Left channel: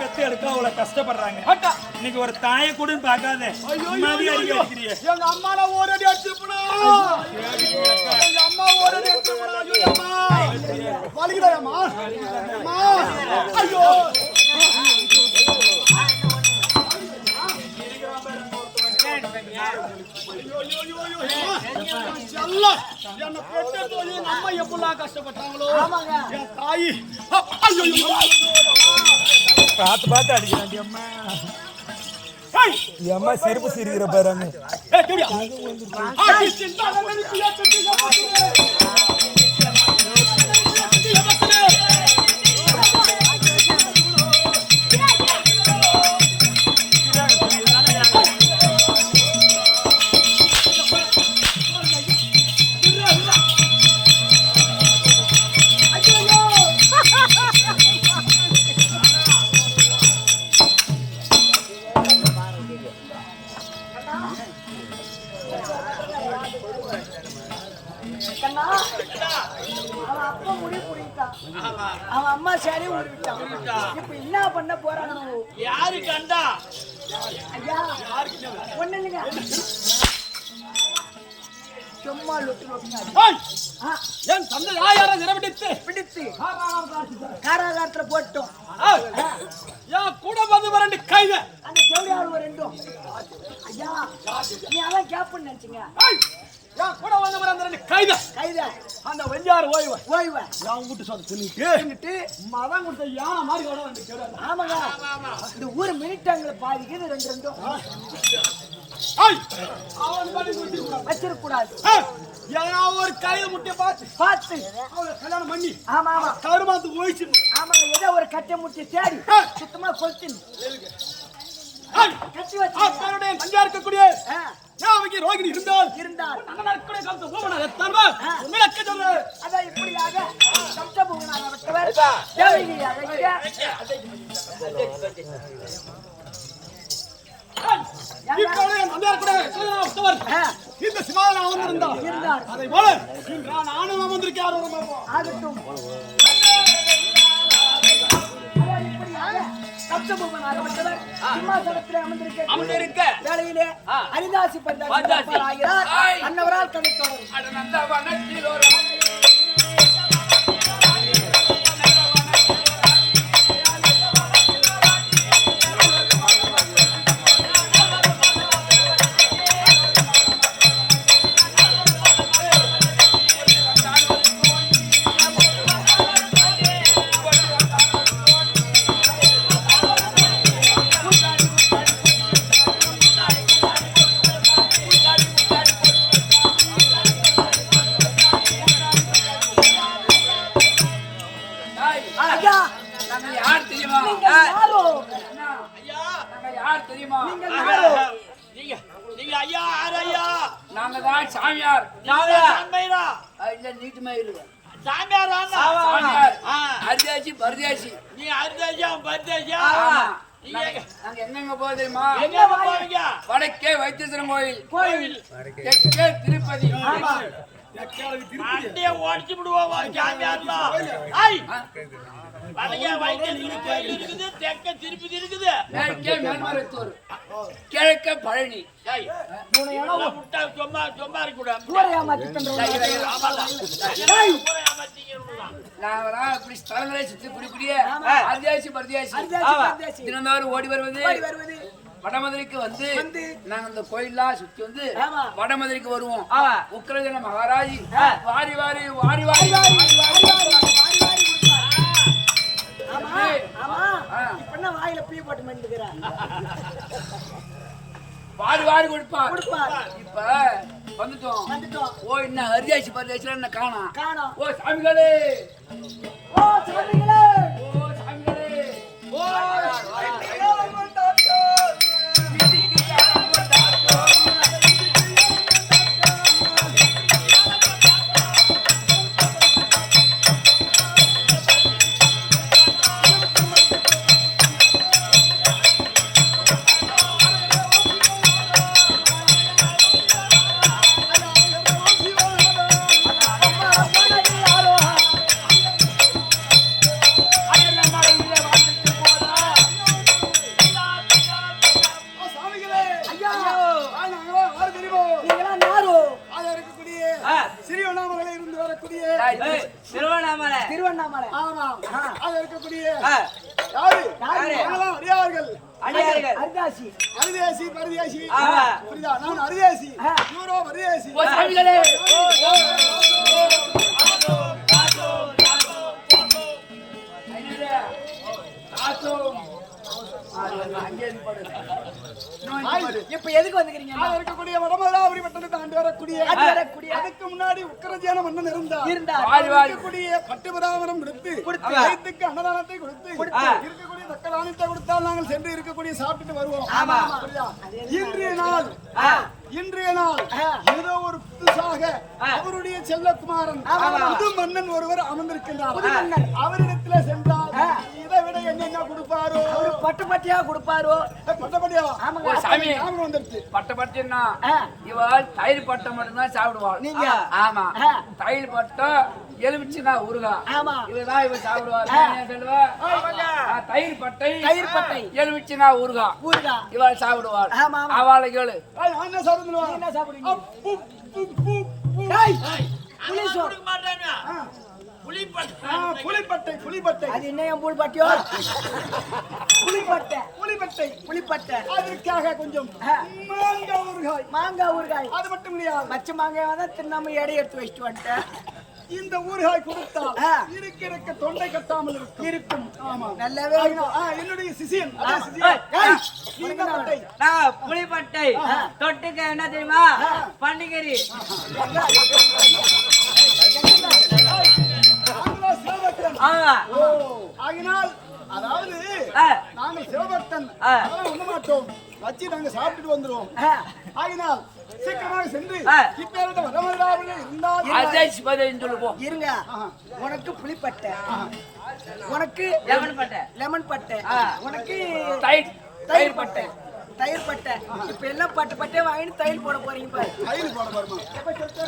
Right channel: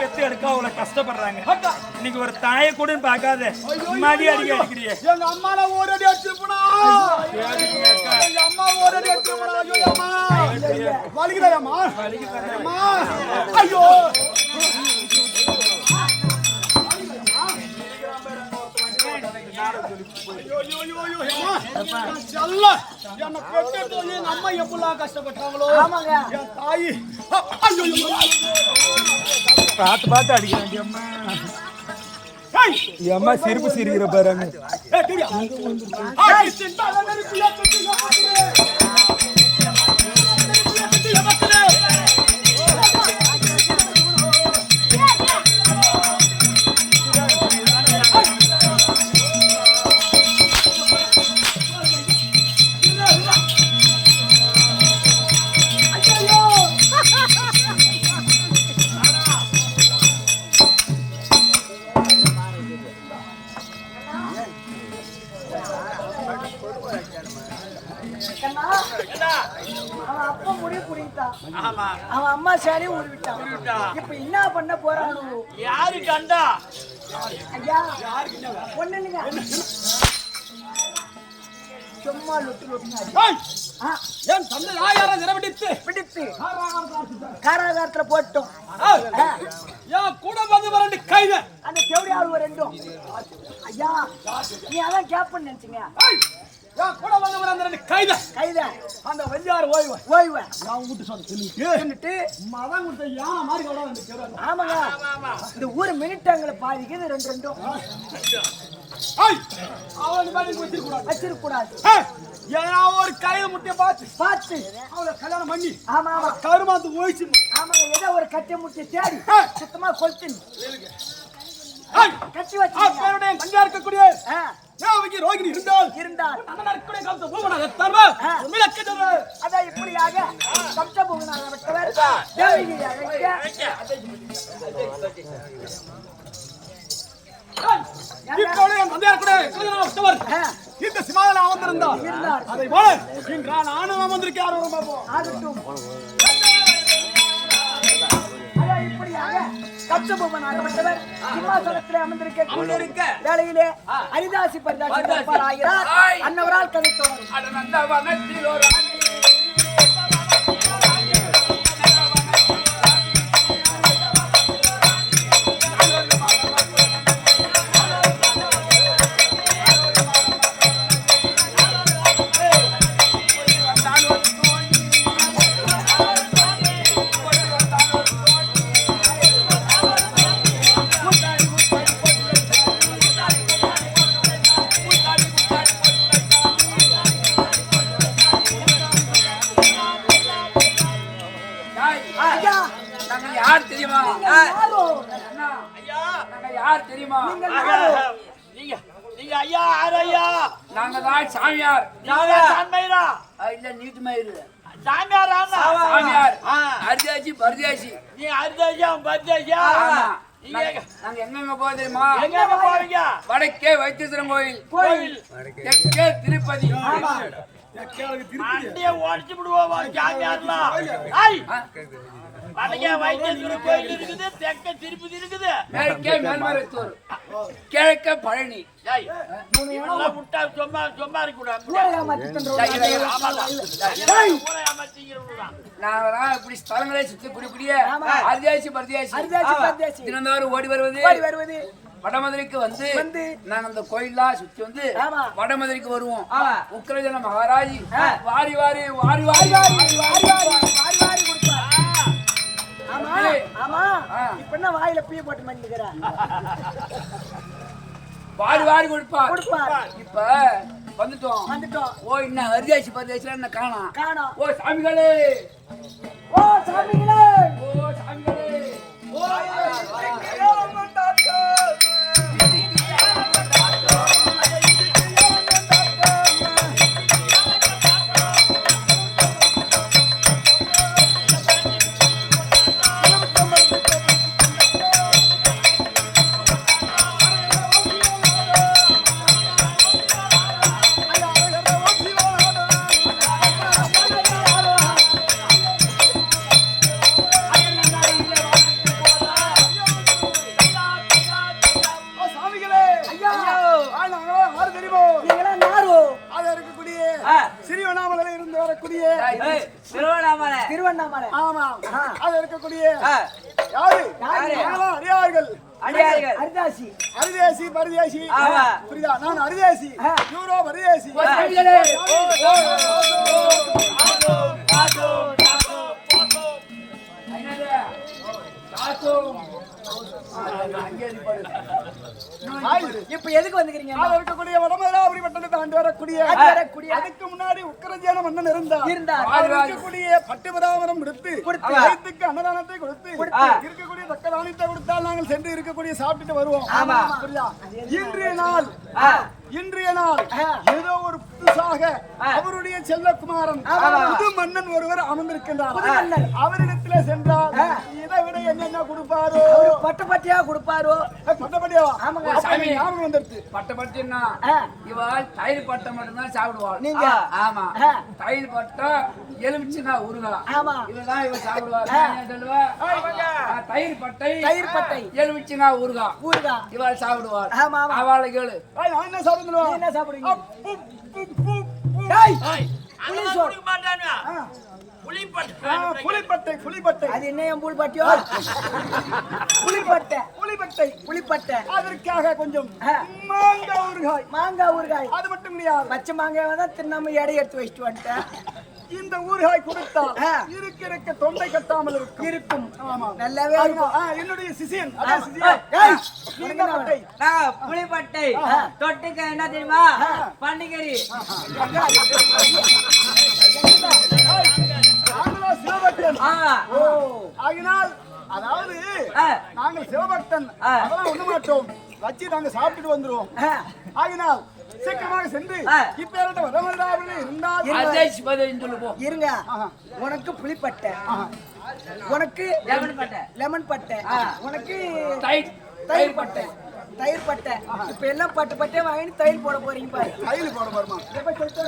பெத்து எடுக்க அவ்வளவு கஷ்டப்படுறாங்க. இன்னைக்கு ஒரு தாயை கூட பார்க்காத மடி அடிக்கிறிய. எங்க அம்மால ஓரடி அடிச்சுப்படா. எங்க அம்மா ஓரடி அடிச்சுப்படா. ஐயோ அம்மா வலிக்குதா அம்மா? அம்மா ஐயோ என்ன பெற்று எங்க அம்மா எப்படிலாம் கஷ்டப்பட்டாங்களோ என் தாயி. ஐயோ பார்த்து பார்த்து அடிக்க வேண்டியம்மா. அம்மா சிரிப்பு சிரிக்கிற பாருங்க. அவன் அப்பா முடிவு புடிக்கிட்டான். அவன் அம்மா சரி உருவிட்டான். இப்ப என்ன பண்ண போறானோ? யாரு கண்டா? ஐயா ஒண்ணு இல்லைங்க, சும்மா லொட்டு லொட்டு என் தந்தை யாரை நிறவடித்து பிடித்து காராகாரத்துல போட்டோம். என் கூட வந்து வரண்டு கைத அந்த செவடியாள் ரெண்டும். ஐயா நீ அதான் கேப்பன்னு நினைச்சீங்க. என் கூட வந்து வர அந்த ரெண்டு கைத அந்த வெஞ்சாறு ஓய்வு என் வீட்டு சொல்லிட்டு மதம் கொடுத்த யானை மாதிரி கூட. ஆமாங்க, இந்த ஊர் மினிட்டாங்களை பாதிக்குது ரெண்டு ரெண்டும். வச்சிருக்க கூடாது. ஏன்னா ஒரு கையில முட்டைய பார்த்து அவளை கல்யாணம் பண்ணி ஆமா ஆமா கருமாந்து ஓய்ச்சிடணும். ஆமாங்க, ஏதோ ஒரு கட்டை முட்டிய தேடி சுத்தமா கொளுத்தின் கட்டி வச்சு தங்கா இருக்கக்கூடிய தேவகி ரோகிணி இருந்தால் அதான் இப்படியாக சப்தபூகனாக விட்டவர் தேவகி இந்த சிமாவில் அமர்ந்திருந்தார். அதை போல நானும் அமர்ந்திருக்கேன். ஆகட்டும், சப்தபூகனாகப்பட்டவர் சிம்மாசனத்திலே அமர்ந்திருக்க வேளையிலே ஹரிதாசி பரிதாசி ஆகிறார். அன்னவரால் கதை தொடரும். சாமியார் இல்ல நீட்டு மயிறு அரிதாசி பரதேசி. நீ அரிதாசி அவன் பரதேசியா? நாங்க எங்க போக தெரியுமா? வடக்கே வைத்தீஸ்வரன் கோயில், தெற்கே திருப்பதி. ஓடிச்சு விடுவோம். கிழக்க பழனி. நான் இப்படி ஸ்தலங்களே சுத்தி குடிக்குடிய அரிதாசி பரதேசி தினந்தோறும் ஓடி வருவது. வடமதுரைக்கு வந்து நாங்க அந்த கோயிலா சுத்தி வந்து வடமதுரைக்கு வருவோம். உக்கிரஜன மகாராஜி வாரி வாரி வாரி வாரி வாயில பீ போட்டு மண்டிக்கிறார். வாரி வாரி கொடுப்பார். இப்ப வந்துட்டோம். ஓ இன்னும் அரிதாசி பரதேசில என்ன காணோம். ஓ சாமிகளே, ஓ சாமிகளே, ஓ சாமிகளே, ஓ திருவண்ணாமலை. திருவண்ணாமலை. ஆமா ஆ. அது இருக்கக்கூடிய யாரு நாங்களாம் அடியார்கள் அடியார்கள். அரிதாசி. அரிதேசி பரிதேசி ஆமா. புரியுதா நான் அரிதேசி ஆ. யூரோ பரிதேசி ஓ சாமிகளே ஐநூறு தாசம் அங்கே இருப்பாடு இப்ப எதுக்கு வந்துக்கிறீங்க? அது இருக்கக்கூடிய வடமதுராபுரி பட்டணத்தை ஆண்டு வரக்கூடிய அதுக்கு முன்னாடி உக்கரஜியான மன்னன் இருந்தார் இருக்கக்கூடிய பட்டுபராமரம் கொடுத்து வயிற்றுக்கு அன்னதானத்தை கொடுத்து இருக்கக்கூடிய தக்கதானத்தை கொடுத்தால் நாங்கள் சென்று இருக்கக்கூடிய சாப்பிட்டுட்டு வருவோம் புரியுதா? இன்றைய நாள் ஏதோ ஒரு புதுசாக அவருடைய செல்லகுமாரன் புது மன்னன் ஒருவர் அமர்ந்திருக்கின்றார். அவரிடத்துல சென்றால் இதை விட என்னென்ன கொடுப்பாரோ பட்டு பட்டியா கொடுப்பாரோ பட்டப்பட்டியாவா சாமி வந்துருச்சு பட்டப்பட்டினா இவள் தயிர் பட்டம் மட்டும்தான் சாப்பிடுவாள் நீங்க ஆமா தயிர் பட்டம் எலுமிச்சுனா ஊறுகா ஆமா இவதான் இவ சாப்பிடுவாள் சொல்லுவா தயிர் பட்டை எலுமிச்சுனா ஊறுகா இவள் சாப்பிடுவாள் ஆமா ஆமா அவளை கேளு என்ன சாப்பிடுவா என்ன சாப்பிடுவீங்க? புலிப்பட்டை அது என்ன என் புல்பட்டியோ? புலிப்பட்டை. அதற்காக கொஞ்சம் மாங்காய் ஊறுகாய் அது மட்டும் இல்லையா பச்சை மாங்காய் தான் தின்னாம எடை எடுத்து வச்சுட்டு வந்துட்டேன். இந்த ஊறுகாய் கொடுத்தால் இருக்க தொண்டை கட்டாமல் இருக்கும் நல்லாவே இருக்கும். என்னுடைய சிசியன் புலிப்பட்டை தொட்டுக்க என்ன தெரியுமா? பன்னிக்கறி. ஆகினால் அதாவது நாங்கள் சிவபக்தன் அதெல்லாம் ஒண்ணு மாட்டோம் வச்சு நாங்க சாப்பிட்டுட்டு வந்துருவோம். ஆகினால் சீக்கிரமாக சென்று இப்ப வடமதுராபுரியில் இருந்தால் இருங்க. உனக்கு புலிப்பட்டை, உனக்கு லெமன் பட்டை, உனக்கு தயிர் பட்டை. இப்ப எல்லாம் பட்டை வாங்கி தயிர் போட போறீங்க பாரு. கையில் போட போறோமா எப்ப சொல்லிட்டு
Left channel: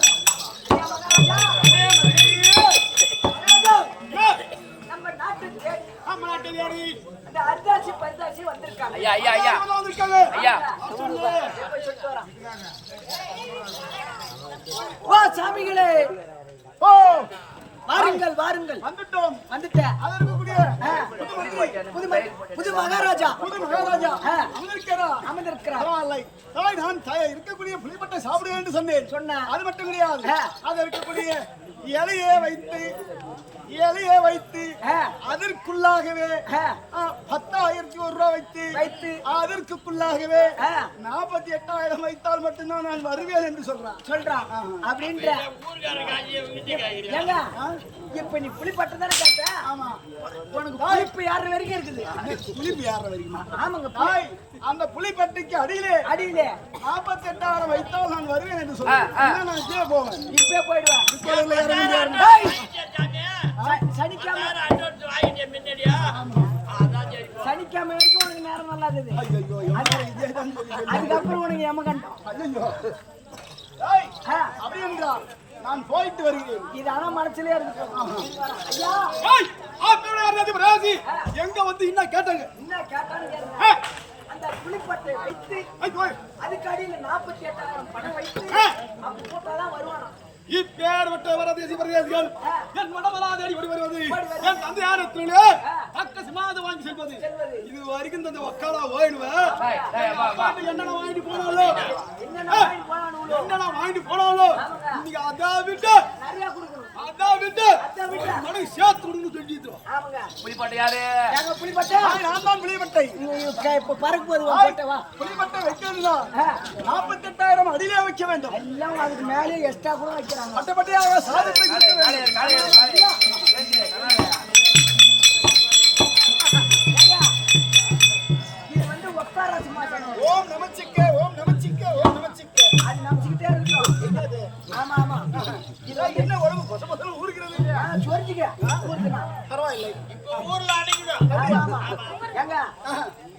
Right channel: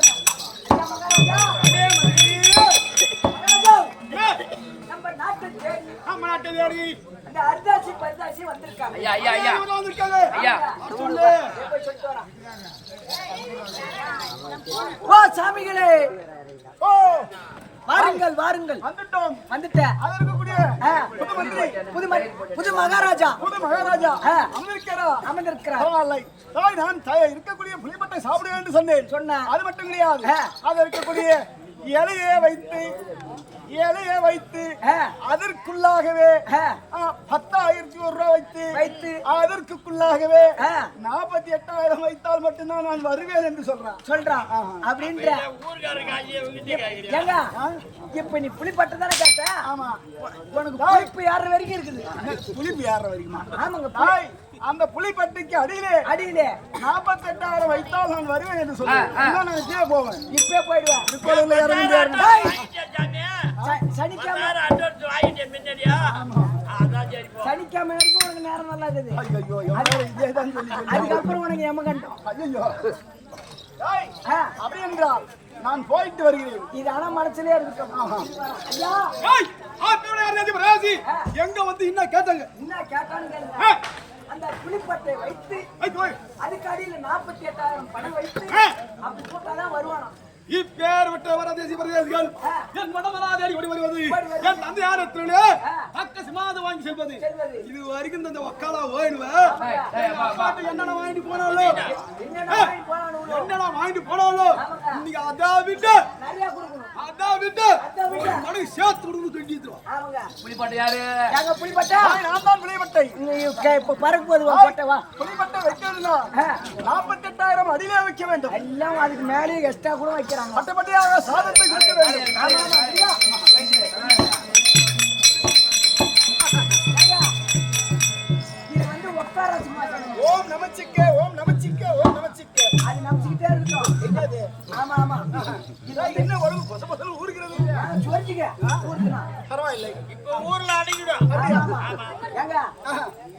நம்ம நாட்டு தேடி அந்த அரிதாசி பரிதாசி வந்திருக்காங்க. சொல்லு சொல்லிட்டு வரான். ஓ சாமிகளே, ஓ வாருங்கள் வாருங்கள். வந்துட்டேன். புது மகாராஜா அமர்ந்திருக்கிறார். நான் இருக்கக்கூடிய புலிப்பட்டை சாப்பிடுவேன் என்று சொன்னேன். அது மட்டும் கிடையாது, அது இருக்கக்கூடிய இலையை வைத்து அதற்குள்ளாகவே 10,000 ரூபாய் வைத்து அதற்குள்ளாகவே 48,000 வைத்தால் மட்டும்தான் நான் வருவேன் என்று சொல்றான் அப்படின்ற. இப்ப நீ புலிப்பட்டை தானே கேட்ட? ஆமா. உனக்கு புளிப்பு யார வரைக்கும் இருக்குது? புளிப்பு யார வரைக்குமா? ஆமாங்க. அந்த புலிப்பட்டிக்கு அடியிலே 48,000 வைத்தால் நான் வருவேன் என்று சொல்றேன். நான் இப்பே போவேன். இப்பே போயிடுவேன். சனிக்கிழமை வரைக்கும் உனக்கு நேரம் நல்லா இருக்குது. அதுக்கப்புறம் உனக்கு எமகண்டம். அப்படி என்றால் நான் போயிட்டு வருகிறேன். இது ஆனா மனசுலயே இருக்கட்டும். ஐயா எங்க வந்து என்ன கேட்டாங்க? என்ன கேட்டான்னு கேளுங்க. அந்த புலிப்பட்டை வைத்து அதுக்கு அடியில 48,000 பணம் வைத்து அப்படி போட்டாதான் வருவானா. இப்பேற்பட்ட வரதேசி பிரதேசிகள் என் வடமலாதேடி ஓடி வருவது, என் தந்தையாரத்திலே அக்க சிமாத வாங்கி செல்வது. இது வரைக்கும் இந்த வக்காலா ஓயிடுவேன். அப்பாட்ட என்னென்ன வாங்கிட்டு போனாலும் இன்னைக்கு அதான் விட்டு நிறைய கொடுக்கணும். அதான் விட்டு மனைவி சேர்த்து கொடுக்கணும் சொல்லிடுவோம். ஆமாங்க. புலிப்பட்டை யாரு? எங்க புலிப்பட்டை? நான் தான் புலிப்பட்டை. இப்ப பறக்கு போது போட்டவா புலிப்பட்டை வைக்கணும்னா 48,000 அடியிலே வைக்க வேண்டும். எல்லாம் அதுக்கு மேலே எக்ஸ்ட்ரா கூட வைக்கிறாங்க. பட்டப்பட்டியாக சாதத்தை கொடுக்க வேண்டும். இது வந்து உட்கார சிம்மாசனம். ஓம் நமச்சிக்கே, ஓம் நமச்சிக்கே, ஓம் நமச்சிக்கே. அது நமச்சிக்கிட்டே இருக்கட்டும். என்னது? ஆமா ஆமா. இது என்ன உடம்பு பொச பொசன்னு ஊறுகிறது? சொரிஞ்சிக்க ஊறுதுனா பரவாயில்லை. இப்போ ஊர்ல அடங்கிடும். ஆமா ஏங்க,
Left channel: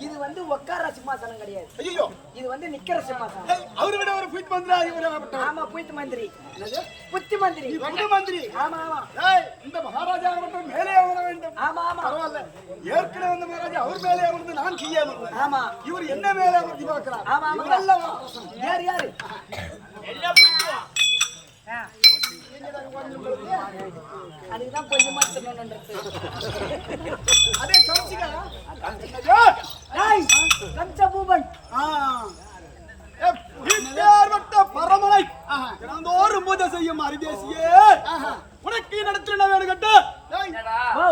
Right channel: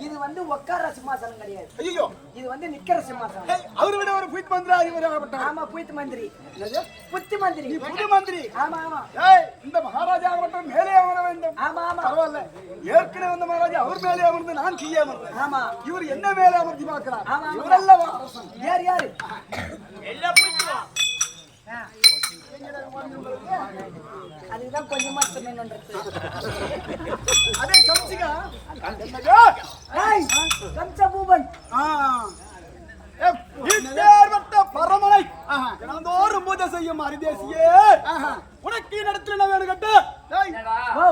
இது வந்து உட்கார சிம்மாசனம் கிடையாது. ஐயோ, இது வந்து நிக்கிற சிம்மாசனம். அவரை விட ஒரு புய்த் மந்திரி இவராகப்பட்டார். ஆமா, புய்த் மந்திரி. என்னது? புத்தி மந்திரி. புது மந்திரி. ஆமா ஆமா. ஏய், இந்த மகாராஜா மட்டும் மேலே அமர வேண்டும். ஆமா ஆமா. பரவாயில்லை. ஏற்கனவே வந்த மகாராஜா அவர் மேலே அமர்ந்து நான் கீழே அமர்ந்தேன். ஆமா. இவர் என்ன மேலே அமர்த்தி பார்க்கிறார். ஆமா ஆமா. இவரெல்லாம் அரசன். யார் யாரு? எல்லாம் போயிட்டு வா. அதுக்குதான் கொஞ்சமா தின்னணுன்றது. அதே கம்சிகா ஏய், கம்ச பூபன். எப்பேற்பட்ட பரமனை தினந்தோறும் பூஜை செய்யும் அரிதேசியே, உனக்கு நடத்தின வேணும் கட்டு. ஓ,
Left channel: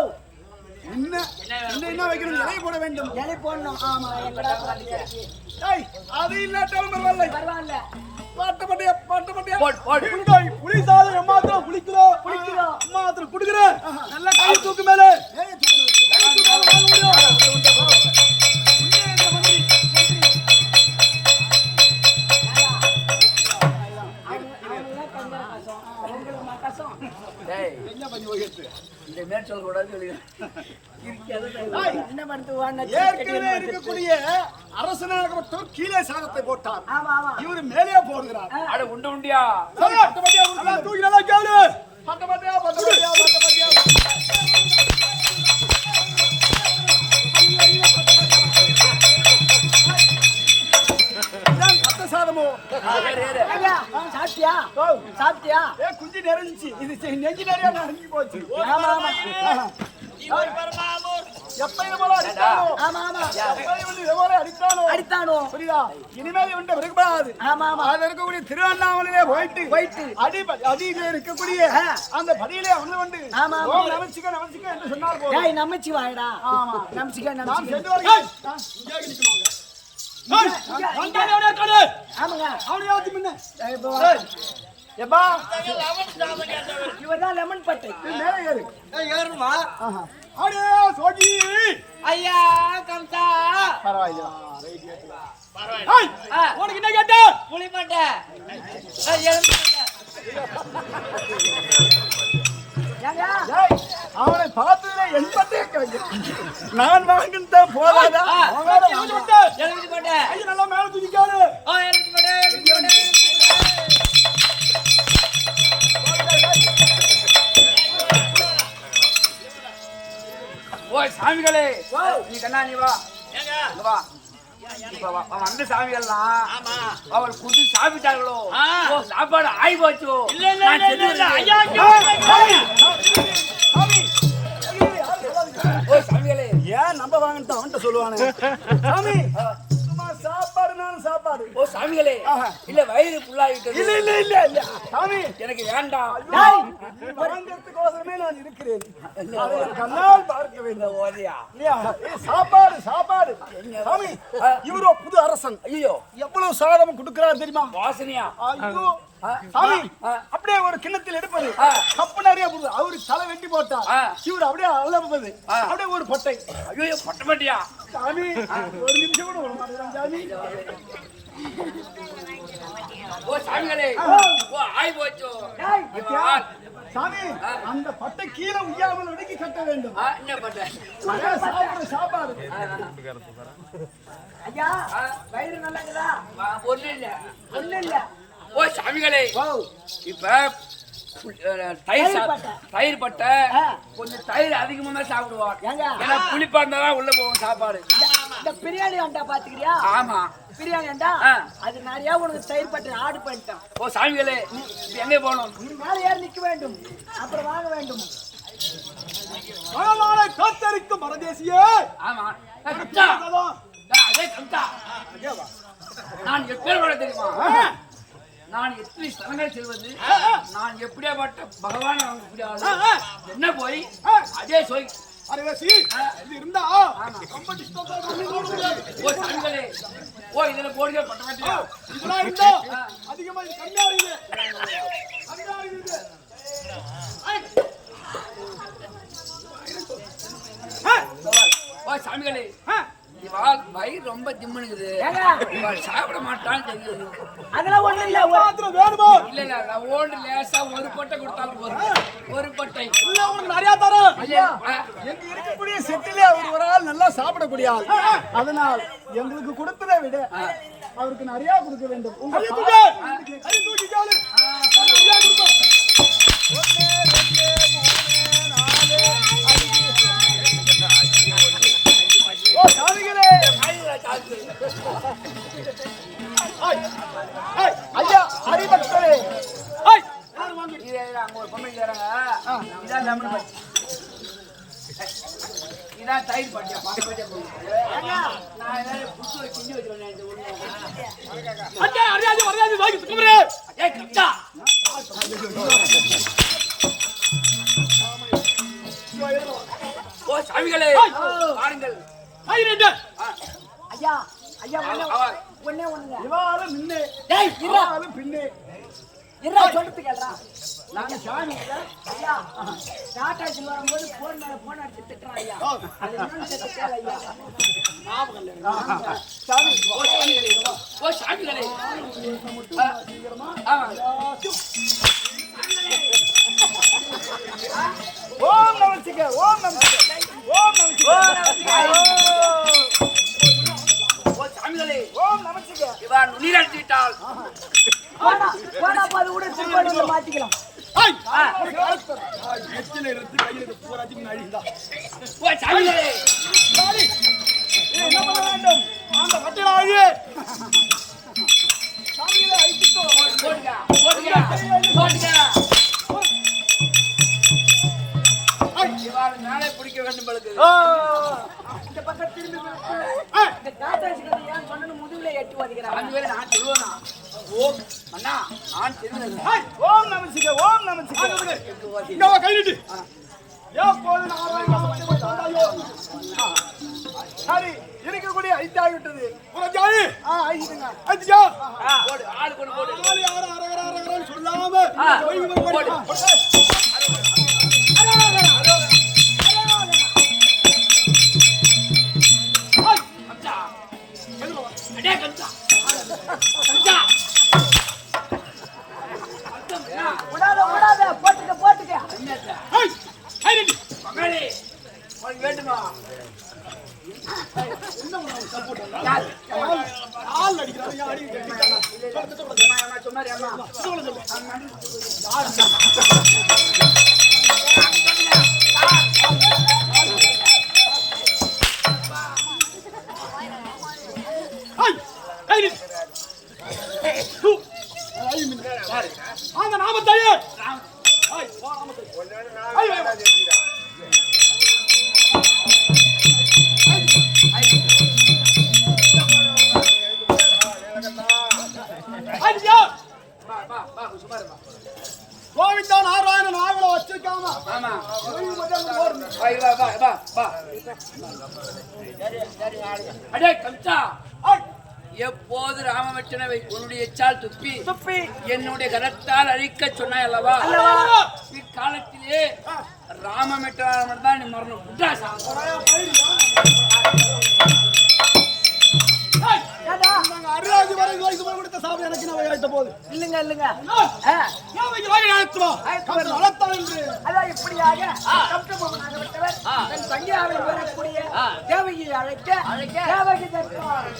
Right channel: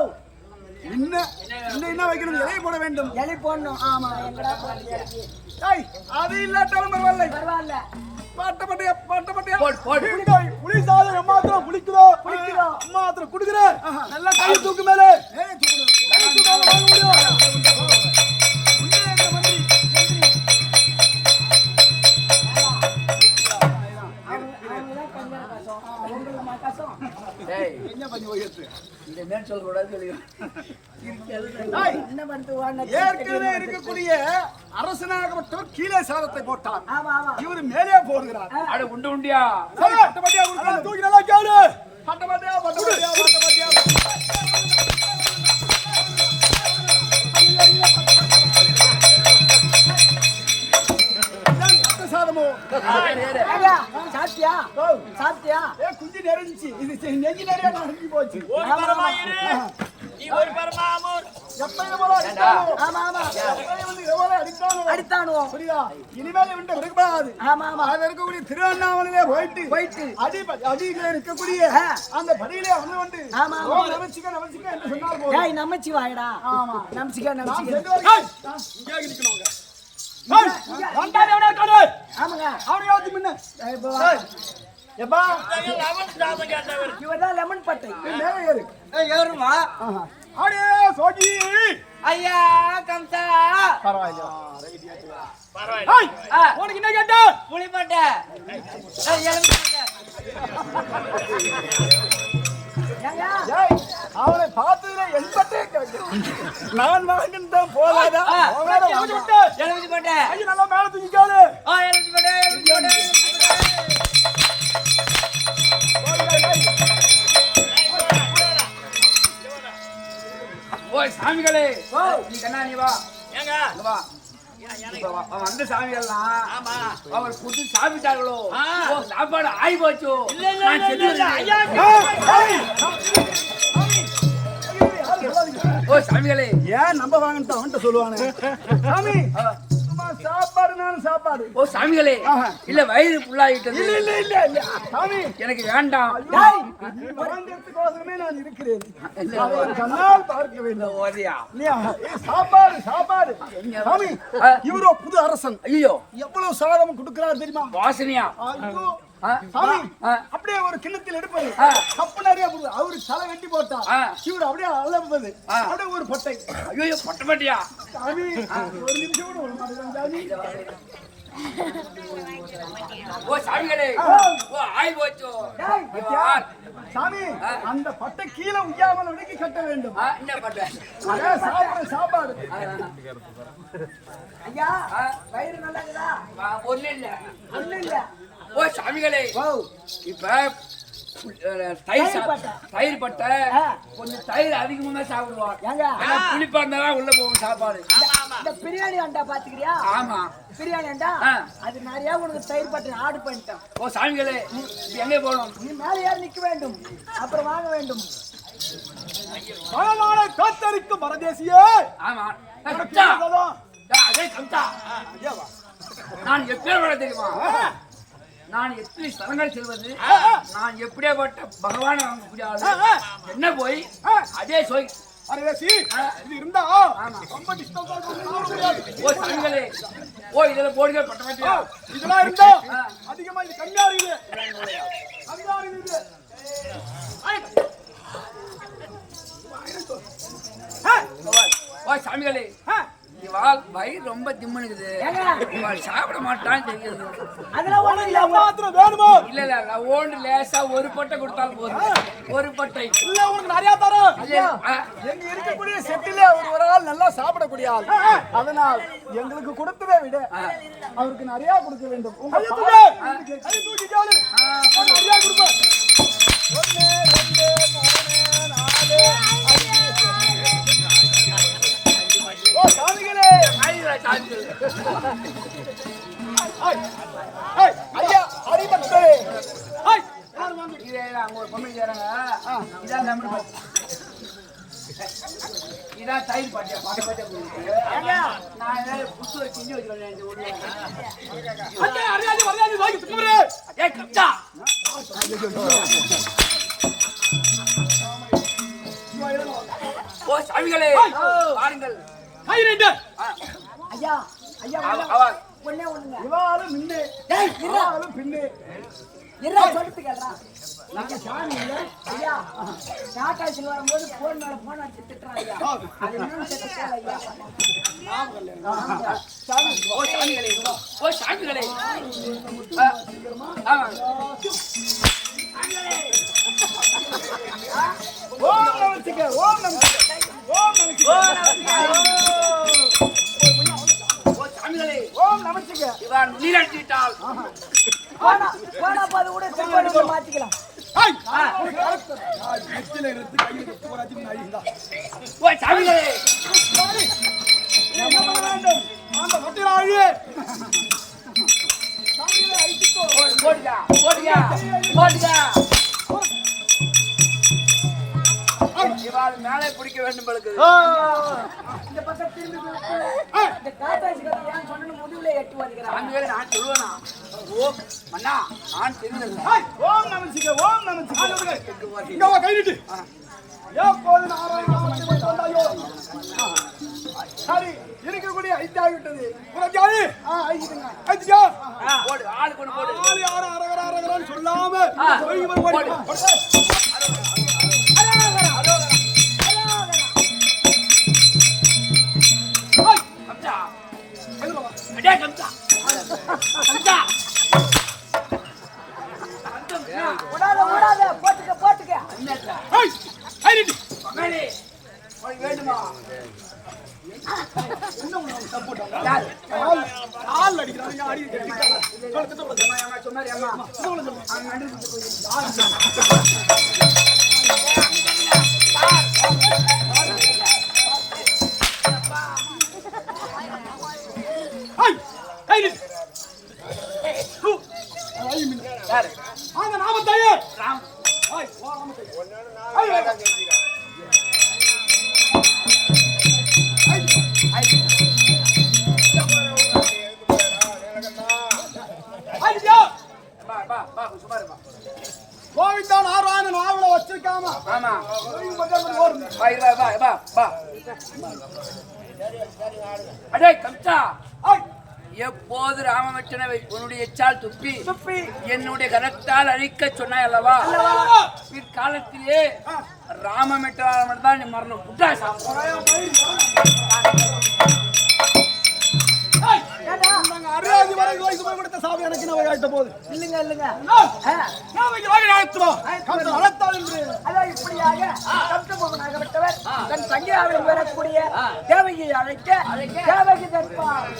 என்ன வைக்கணும்? இலை போட வேண்டும். இலை போடணும். ஆமா, எங்கடா போடுறது இலைக்கு? அது இல்லாட்டாலும் பரவாயில்லை. பரவாயில்ல. பாட்டப்பட்டியா புளி சாதம் எம்மாத்திரம் புளிக்குதோ எம்மாத்திரம் குடுக்குறேன். நல்லா கை தூக்கு மேலே ஏற்கனவே இருக்கக்கூடிய அரசனாகப்பட்டவர் கீழே சாதத்தை போட்டார். இவர் மேலே போடுகிறார். உண்டு உண்டியா சரி, பட்டப்பட்டியா கொடுக்கலாம். தூக்கி நல்லா கேளு. பட்டப்பட்டியா பட்டப்பட்டியா பட்டப்பட்டியா சாப்பிட்டியா? குஞ்சு நிறைஞ்சி இது நெஞ்சு நிறைய நிறைஞ்சு போச்சு. ஆமா ஆமா அடித்தானோ புரியுதா? இனிமேல் இவன்ட்ட விரும்பாது. ஆமா ஆமா அதுல இருக்கக்கூடிய திருவண்ணாமலையிலே போயிட்டு அடியில இருக்கக்கூடிய அந்த படியிலே வந்து வந்து ஆமா ஆமா நமச்சிக்க நமச்சிக்க என்று சொன்னால் போதும். ஏய் நமச்சி வாடா. ஆமா நமச்சிக்க நமச்சிக்க. இங்கே நிக்கணுங்க. ஆமாங்க. அவனையாவது முன்ன எப்பா இவர்தான் லெமன் பட்டை. மேலே ஏறு. ஏறுமா? அடே சோஜி ஐயா கம்சா. உனக்கு என்ன கேட்ட? புளிப்பட்டை. எலும்பு பட்டை. அவனை பார்த்ததுல எண்பட்டே நான் வாங்கிட்ட போதாதா? எலும்பு பட்டை. நல்லா மேல தூக்கிக்காரு. எலும்பு பட்டை. எலும்பு பட்டை. ஓய் சாமிகளே, நீ கண்ணா நீ வா. வா. வந்து சாமிகள்லாம் அவர் குட்டி சாப்பிட்டார்களோ? சாப்பாடு ஆகி போச்சு. ஓ சாமிகளே, ஏன் நம்ப வாங்கிட்டு அவன்கிட்ட சொல்லுவானு? சாமி சாப்பாடுனாலும் சாப்பாடு. ஓ சாமிகளே, இல்ல வயிறு புல்லாகிட்டது. இல்ல இல்ல இல்ல சாமி எனக்கு வேண்டாம். ஒருங்கத்துக்கோசரமே நான் இருக்கிறேன். அதை என் கண்ணால் பார்க்க வேண்டும். ஓதியா சாப்பாடு சாப்பாடு. சாமி இவரோ புது அரசன். ஐயோ எவ்வளவு சாதம் கொடுக்கிறார் தெரியுமா? வாசனையா? ஐயோ சாமி அப்படியே ஒரு கிண்ணத்தில் எடுப்பது கப்பு நிறைய போடுது. அவரு தலை வெட்டி போட்டா இவர் அப்படியே அலம்பது. அப்படியே ஒரு பொட்டை. ஐயோ பட்ட மாட்டியா? சாமி ஒரு நிமிஷம் கூட வர மாட்டேங்கிறான் சாமி. ஓ சாமிகளே, ஓ ஆகி போச்சு. சாமி அந்த பட்டை கீழே உய்யாமல் வெடிக்க கட்ட வேண்டும். என்ன பட்ட? சாப்பாடு ஐயா வயிறு நல்லா இருக்குதா? ஒண்ணு இல்ல ஒண்ணு இல்ல. ஓ சாமிகளே, இப்ப தயிர் பட்டை கொஞ்சம் தயிர் அதிகமா சாப்பிடுவார். புளிப்பா இருந்தாலும் உள்ள போகும் சாப்பாடு. இந்த பிரியாணி அண்டா பாத்துக்கிறியா? ஆமா பிரியாணி அண்டா அது நிறைய உனக்கு தயிர் பட்டை ஆர்டர் பண்ணிட்டேன். ஓ சாமிகளே, எங்க போகணும்? நீ மேல ஏறி நிக்க வேண்டும், அப்புறம் வாங்க வேண்டும். காத்தரிக்கும் பரதேசியே. ஆமா கம்சா. அதே கம்சா, நான் எப்பேர் தெரியுமா? நான் எத்தனை ஸ்தலங்கள் செல்வது, நான் எப்படியாப்பட்ட பகவான் வாங்க முடியாது. என்ன போய் அதே சொய் பரதேசி இது இருந்தா ரொம்ப டிஸ்டர்ப் முடியாது. ஓ சாமிகளே, ஓ இதுல போடுங்க பட்ட மாட்டியா? இதெல்லாம் இருந்தா அதிகமா இது கம்மியா இருக்குது. கம்மியா இருக்குது. ஓ சாமிகளே, இவாள் வயிறு ரொம்ப திம்முனுக்குது. இவாள் சாப்பிட மாட்டான்னு தெரியுது. அதெல்லாம் ஒண்ணு இல்ல. மாத்திரம் வேணுமோ? இல்ல இல்ல நான் ஓண்டு லேசா ஒரு பட்டை கொடுத்தாலும் போதும். ஒரு பட்டை இல்ல உனக்கு நிறைய தரோம். எங்க இருக்கக்கூடிய செட்டிலே அவர் ஒரு ஆள் நல்லா சாப்பிடக்கூடிய ஆள். அதனால் எங்களுக்கு கொடுத்ததை விட அவருக்கு நிறைய கொடுக்க வேண்டும். தயிர் பாட்டியா பாட்ட பாட்டியா கொடுத்து நான் வேற புடிச்சு ஒரு கிண்ணி வச்சிருக்கேன் இந்த ஊர்ல. அண்ணே அறியாதி மரியாதை வாங்கி சுக்குமரே ஏய் கப்சா ஓ சாமிகளே பாருங்கள். ஐரண்டு ஐயா ஐயா அவர் ஒண்ணே ஒண்ணுங்க. இவாலும் முன்னே டேய் இருடா இவாலும் பின்னே இருடா சொல்லிட்டு கேளுடா. நாங்க சாமி இல்ல ஐயா டாடாஸ்ல வரும்போது போன் மேல போன் அடிச்சு திட்டுறான் ஐயா. அது என்னன்னு கேட்டு கேளு ஐயா. ஓ சாமிகளே ஓ சாமிகளே ஆமா ஓம் நமச்சிவாய ஓம் நமச்சிவாய ஓம் நமச்சிவாய ஓ சாமிகளே ஓம் நமச்சிவாய இவன் நீராட்டி விட்டால் போனா பாது கூட மாத்திக்கலாம். ஐய் நெத்தில இருந்து கையில போராஜி அழிந்தா ஓ சாமிகளே வேண்டும் அந்த வட்டில அழி சாமியை அழிச்சிட்டோ போடுங்க போடுங்க போடுங்க இவன் மேலே பிடிக்க வேண்டும் பழுக்கு இந்த பக்கம் திரும்பி இந்த டாடாஸ் கதை ஏன் சொன்னு முதுகுல எட்டு வதிக்கிறாங்க. சாமிகளே நான் சொல்லுவேனா ஓ மன்னா நான் தெரிஞ்சதில்லை ஓம் நமச்சிவாய ஓம் நமச்சிவாய இங்க வா கை நீட்டு எப்போது நாராயண நாமத்தை மட்டும் வந்தாயோ சரி இருக்கக்கூடிய ஐத்தாகிவிட்டது போராஜி அழி ஐந்துங்க ஐயா போடு ஆளு கொண்டு போடு ஆளு யார அரகர அரகரன்னு சொல்லாம போய் ஓடி கம்சா அடே கம்சா கம்சா விடாத போட்டுக்க என்னடா ஐய் ஐ நீட்டு மகளே உனக்கு வேண்டுமா யாரு கால் அடிக்கிறாங்க யார் அடி அம்மா சொன்னாரு அம்மா சொல்லு அவன் நன்றி கொடுத்து போய் ஐய் கை நீட்டு ஐய் மின் யாரு அந்த நாமத்தையே ராம் ஐய் வா நாமத்தை ஐய் வா ஐயா பா சுமாருமா கோவிந்தா நாராயணன் நாவல வச்சிருக்காம ஆமா ஓய்வு மட்டும் அங்கிட்டு ஓடுங்க பா அடே கம்சா எப்போது ராமவச்சனை உன்னுடைய எச்சால் துப்பி என்னுடைய கரத்தால் அழிக்க சொன்னாய் அல்லவா இக்காலத்திலே ராமமெட்டாளர் தான் நீ மரணம் புட்டா அருளாதி வரை இது கொடுத்த சாமி எனக்கு நான் ஆயிட்ட போது இல்லங்க வளர்த்தா என்று அதான் இப்படியாக கம்சபோமனாக விட்டவர் தன் தங்கியாவில் வரக்கூடிய தேவகியை அழைக்க தேவகி தற்பார்